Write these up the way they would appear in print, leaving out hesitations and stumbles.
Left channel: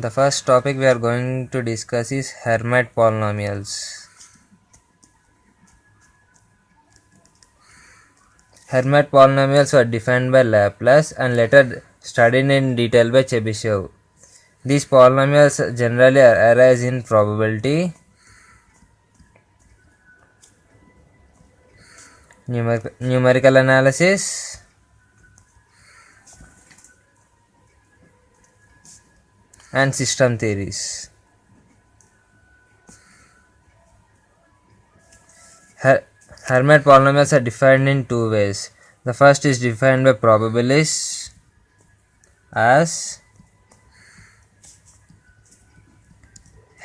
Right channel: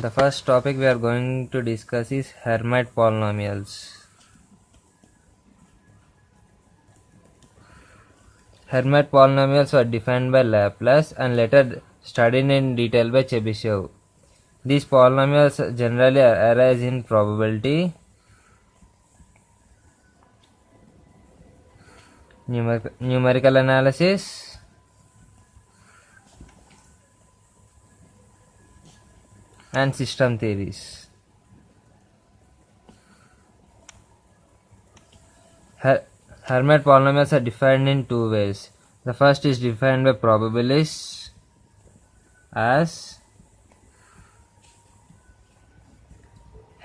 The first topic we are going to discuss is Hermite polynomials. Hermite polynomials were defined by Laplace and later studied in detail by Chebyshev. These polynomials generally arise in probability, numerical analysis, and system theories. Hermite polynomials are defined in two ways. The first is defined by probabilists as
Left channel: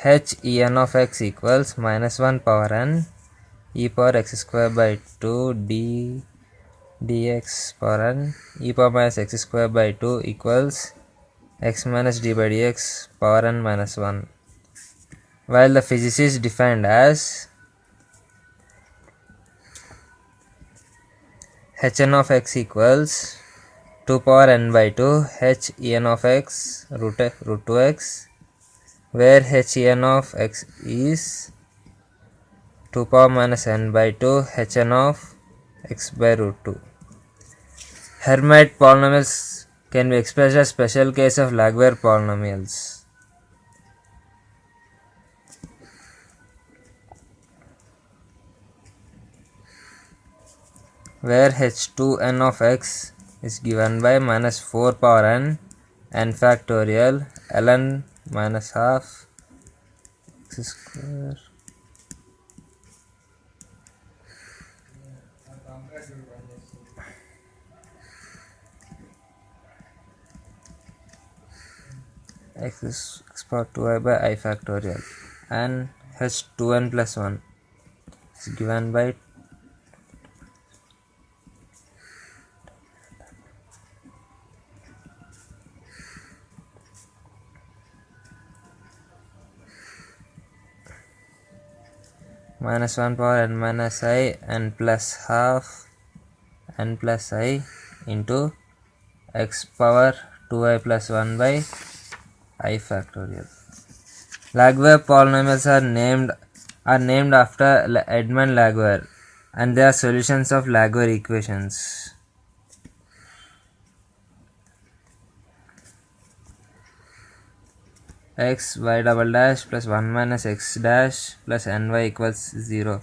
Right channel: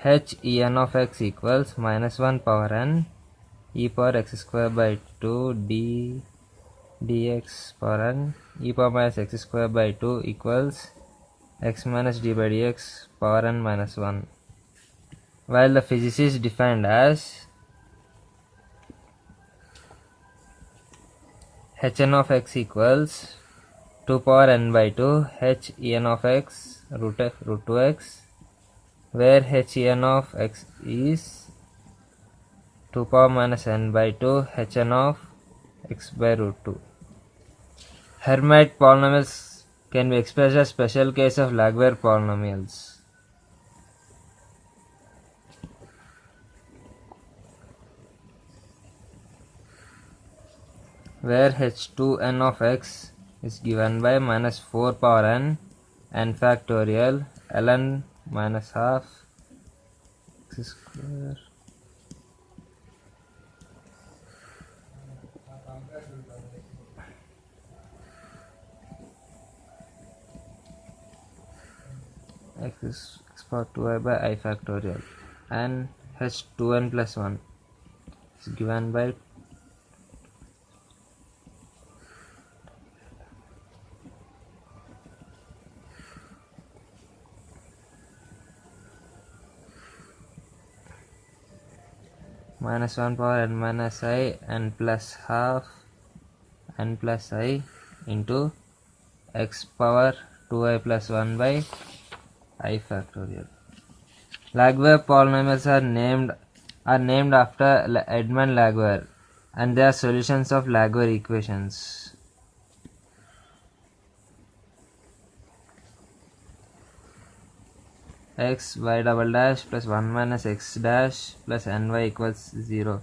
h en of x equals minus 1 power n e power x square by 2 d dx power n e power minus x square by 2 equals x minus d by dx power n minus 1, while the physicist defined as hn of x equals 2 power n by 2 h en of x root 2x, where h en of x is 2 power minus n by 2 hn of x by root 2. Hermite polynomials can be expressed as special case of Laguerre polynomials. Where h2n of x is given by minus 4 power n factorial ln minus half x square x power 2i by I factorial and h2n plus 1 is given by minus 1 power n minus I n plus half n plus I into x power 2i plus 1 by I factorial. Laguerre polynomials are named after Edmond Laguerre, and they are solutions of Laguerre equations. X y double dash plus 1 minus x dash plus ny equals 0.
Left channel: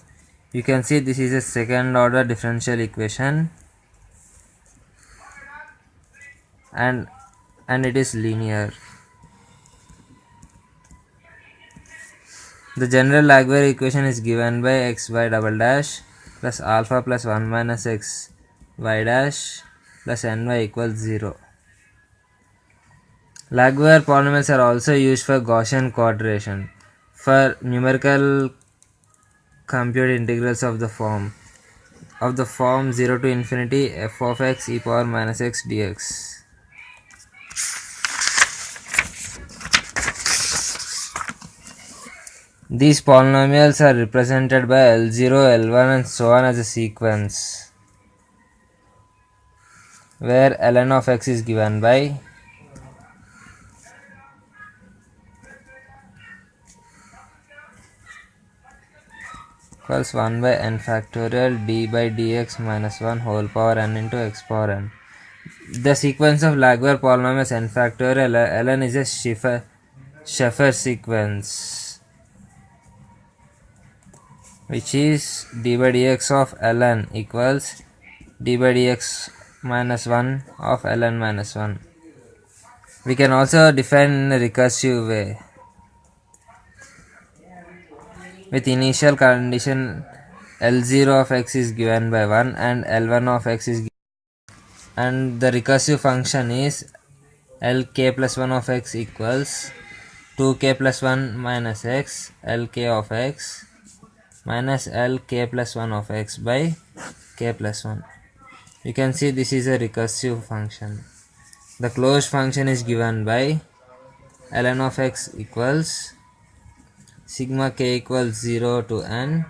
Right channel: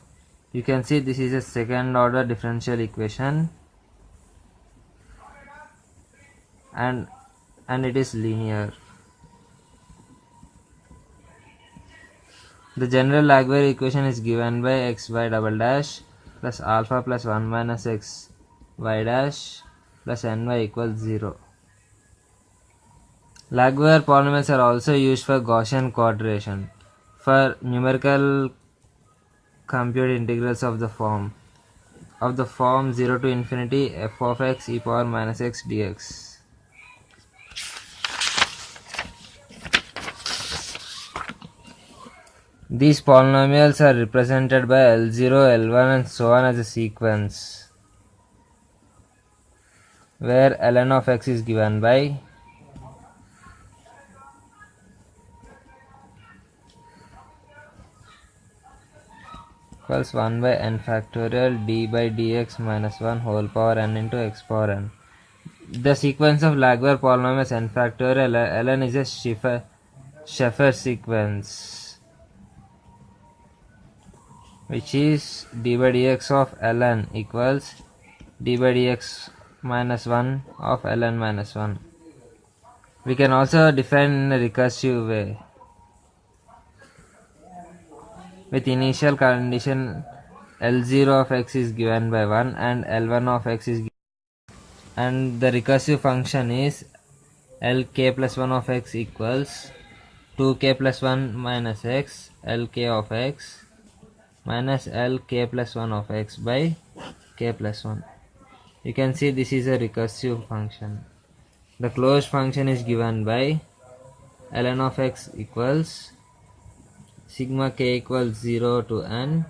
You can see this is a second order differential equation and it is linear. The general Laguerre equation is given by x y double dash plus alpha plus 1 minus x y dash plus ny equals 0. Laguerre polynomials are also used for Gaussian coordination for numerical compute integrals of the form 0 to infinity f of x e power minus x dx. These polynomials are represented by L0, L1 and so on as a sequence, where ln of x is given by equals 1 by n factorial d by dx minus 1 whole power n into x power n. The sequence of Laguerre polynomials n factorial ln is a Scheffer sequence, which is d by dx of ln equals d by dx minus 1 of ln minus 1. We can also define in a recursive way with initial condition L0 of x is given by 1 and L1 of x is given, and the recursive function is Lk plus 1 of x equals 2k plus 1 minus x Lk of x minus Lk plus 1 of x by k plus 1. You can see this is a recursive function. The closed function is given by ln of x equals sigma k equals 0 to n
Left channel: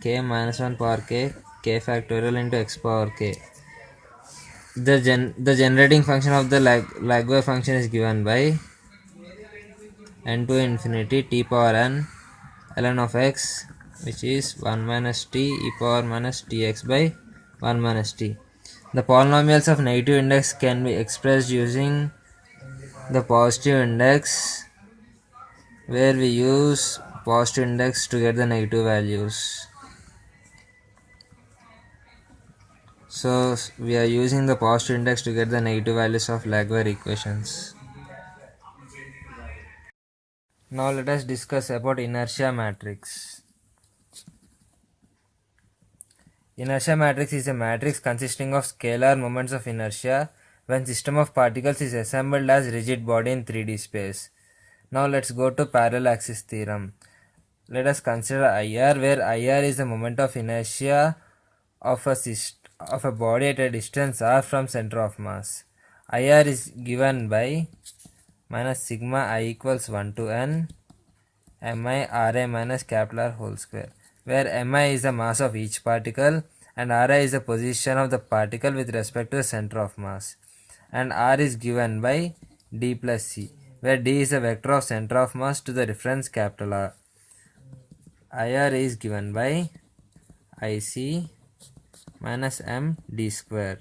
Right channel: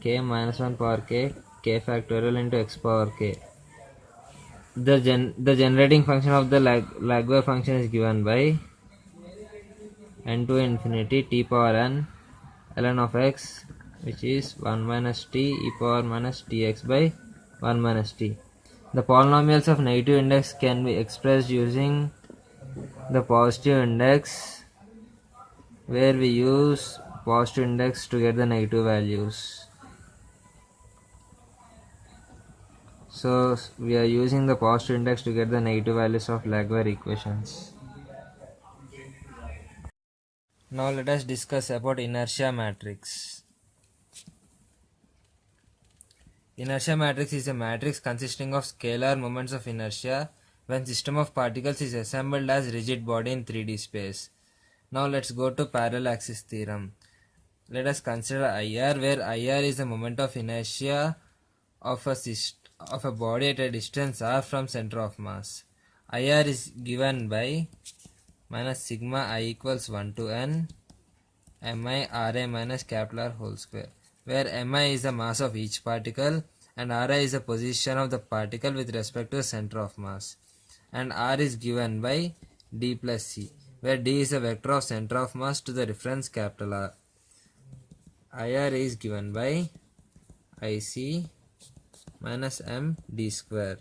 k minus 1 power k factorial into x power k. The generating function of the Laguerre function is given by n to infinity t power n ln of x, which is 1 minus t e power minus tx by 1 minus t. The polynomials of negative index can be expressed using the positive index, where we use positive index to get the negative values. So we are using the positive index to get the negative values of Laguerre equations. Now let us discuss about inertia matrix. Inertia matrix is a matrix consisting of scalar moments of inertia when system of particles is assembled as rigid body in 3D space. Now let's go to parallel axis theorem. Let us consider IR, where IR is the moment of inertia of a body at a distance r from center of mass. IR is given by minus sigma I equals 1 to n mi Ra minus capital R whole square, where mi is the mass of each particle and Ra is the position of the particle with respect to the center of mass, and R is given by d plus c, where d is the vector of center of mass to the reference capital R. IR is given by Ic minus m d square,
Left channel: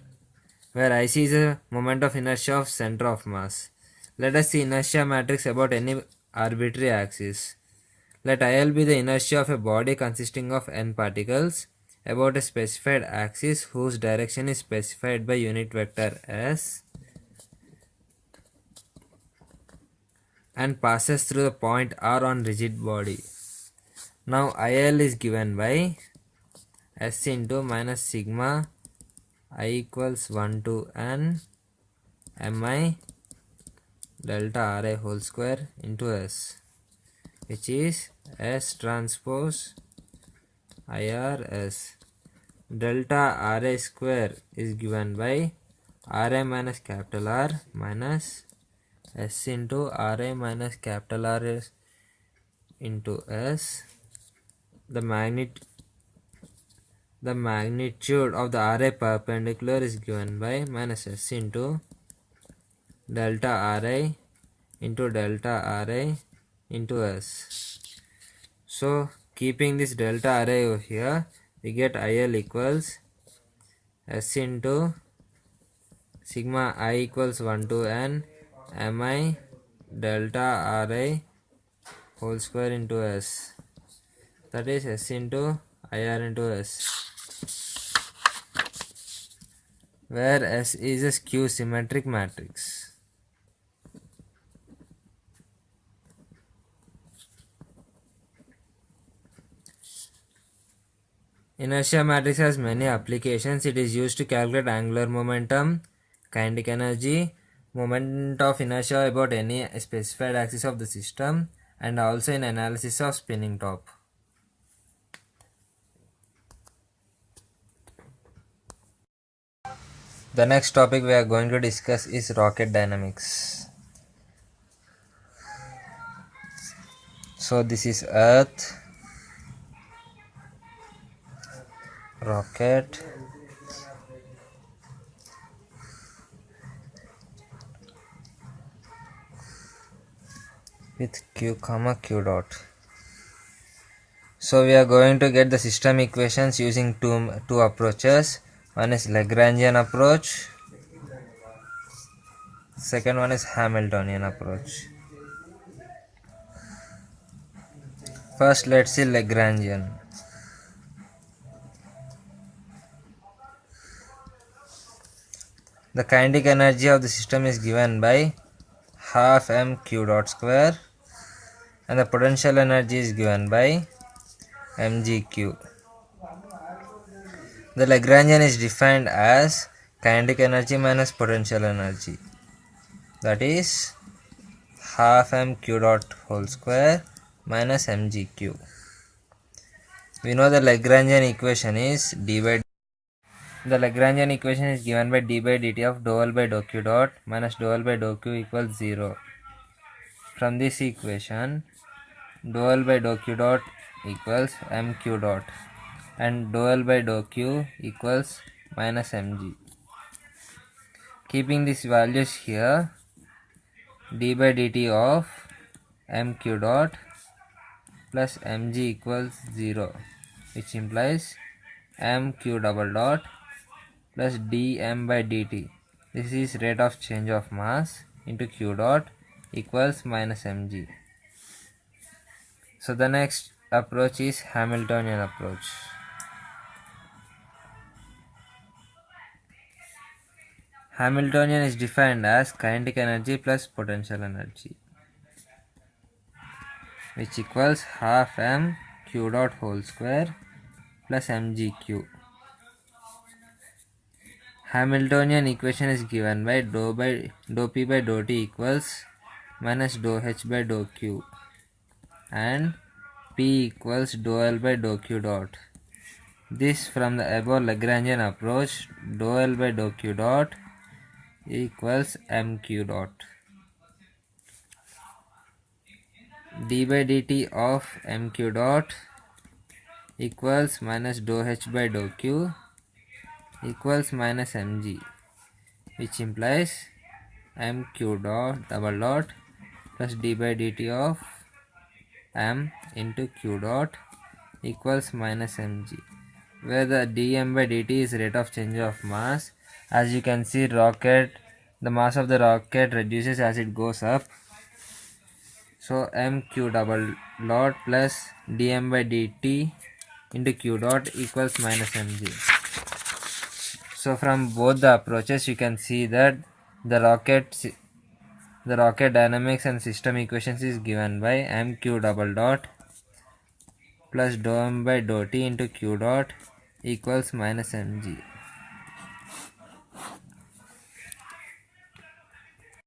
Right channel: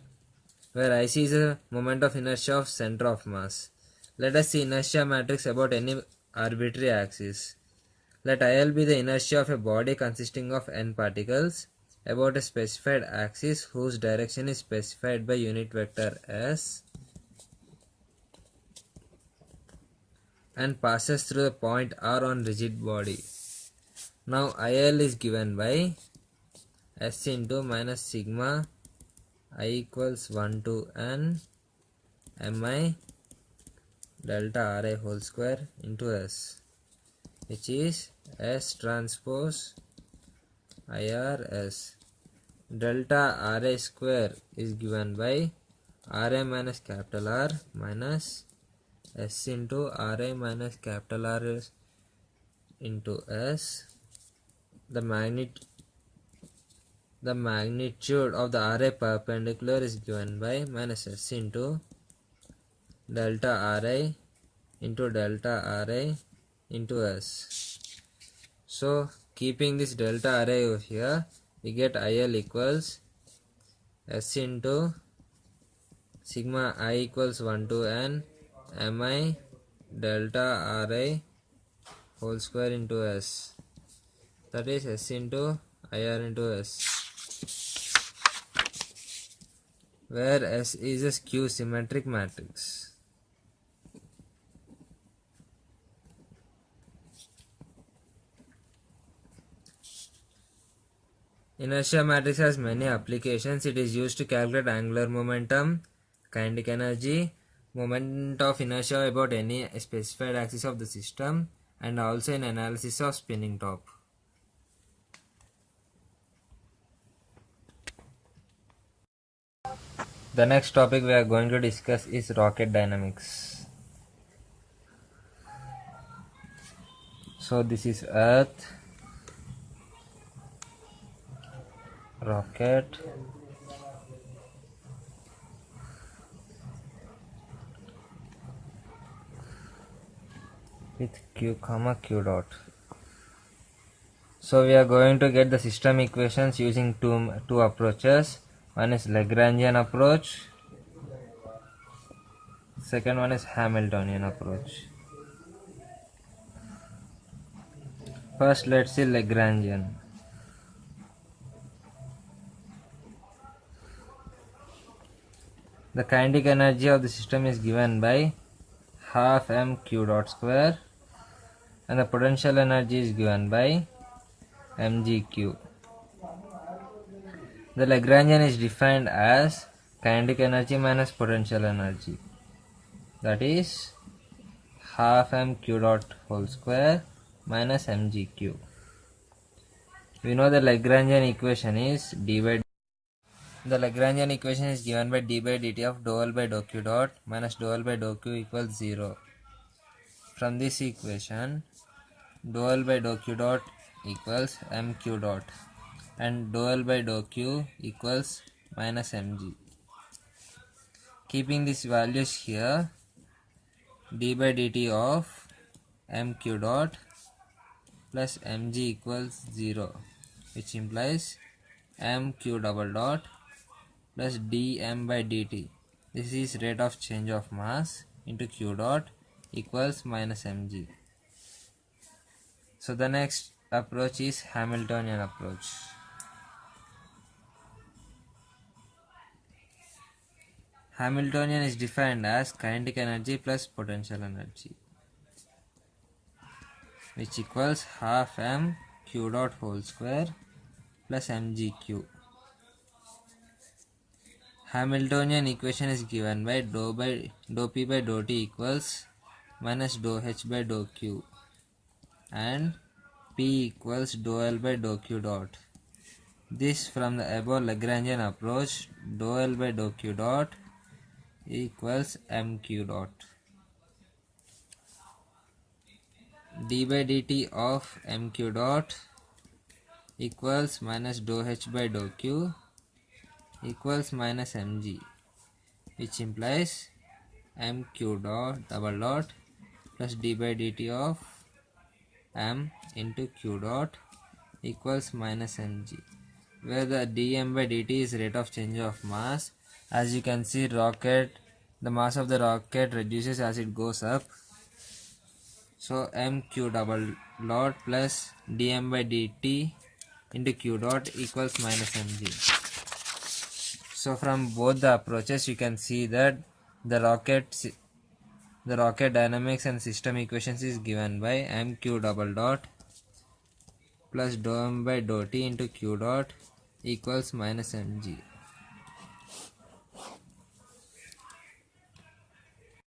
where Ic is a moment of inertia of center of mass. Let us see inertia matrix about any arbitrary axis. Let IL be the inertia of a body consisting of n particles about a specified axis whose direction is specified by unit vector s and passes through the point R on rigid body. Now IL is given by s into minus sigma I equals 1 to n mi delta Ra whole square into s, which is s transpose IRS. Delta Ra square is given by Ra minus capital R minus s into Ra minus capital R into s. The magnitude of the Ra perpendicular is given by minus s into delta Ra into delta Ra into s. So keeping this delta Ra over here, we get IL equals s into sigma I equals 1 to n mi delta Ra whole square into s, that is s into IR into s, where s is a skew symmetric matrix. Inertia matrix has many applications. It is used to calculate angular momentum, kinetic energy, moment of inertia about any specified axis of the system, and also in analysis of spinning top. The next topic we are going to discuss is rocket dynamics. So this is Earth, rocket, with q comma q dot. So we are going to get the system equations using two approaches. One is Lagrangian approach, second one is Hamiltonian approach. First let's see Lagrangian. The kinetic energy of the system is given by half m q dot square, and the potential energy is given by mgq. The Lagrangian is defined as kinetic energy minus potential energy, that is half m q dot whole square minus mgq. We know the Lagrangian equation is d by the Lagrangian equation is given by d by dt of dou L by dou q dot minus dou L by dou q equals 0. From this equation, dou L by dou q dot equals mq dot and dou L by dou q equals minus mg. Keeping these values here, d by dt of mq dot plus mg equals 0, which implies mq double dot plus dm by dt. This is rate of change of mass into q dot equals minus mg. So the next approach is Hamiltonian approach. Hamiltonian is defined as kinetic energy plus potential energy, which equals half m q dot whole square plus mgq. Hamiltonian equation is given by dou p by dou t equals minus dou h by dou q and p equals dou l by dou q dot. This from the above Lagrangian approach, dou l by dou q dot equals mq dot. D by dt of mq dot equals minus dou h by dou q equals minus mg, which implies mq dot double dot plus d by dt of m into q dot equals minus mg, where the dm by dt is rate of change of mass. As you can see, the mass of the rocket reduces as it goes up. So mq double dot plus dm by dt into q dot equals minus mg. So from both the approaches you can see that the rocket dynamics and system equations is given by mq double dot plus dou m by dou t into q dot equals minus mg.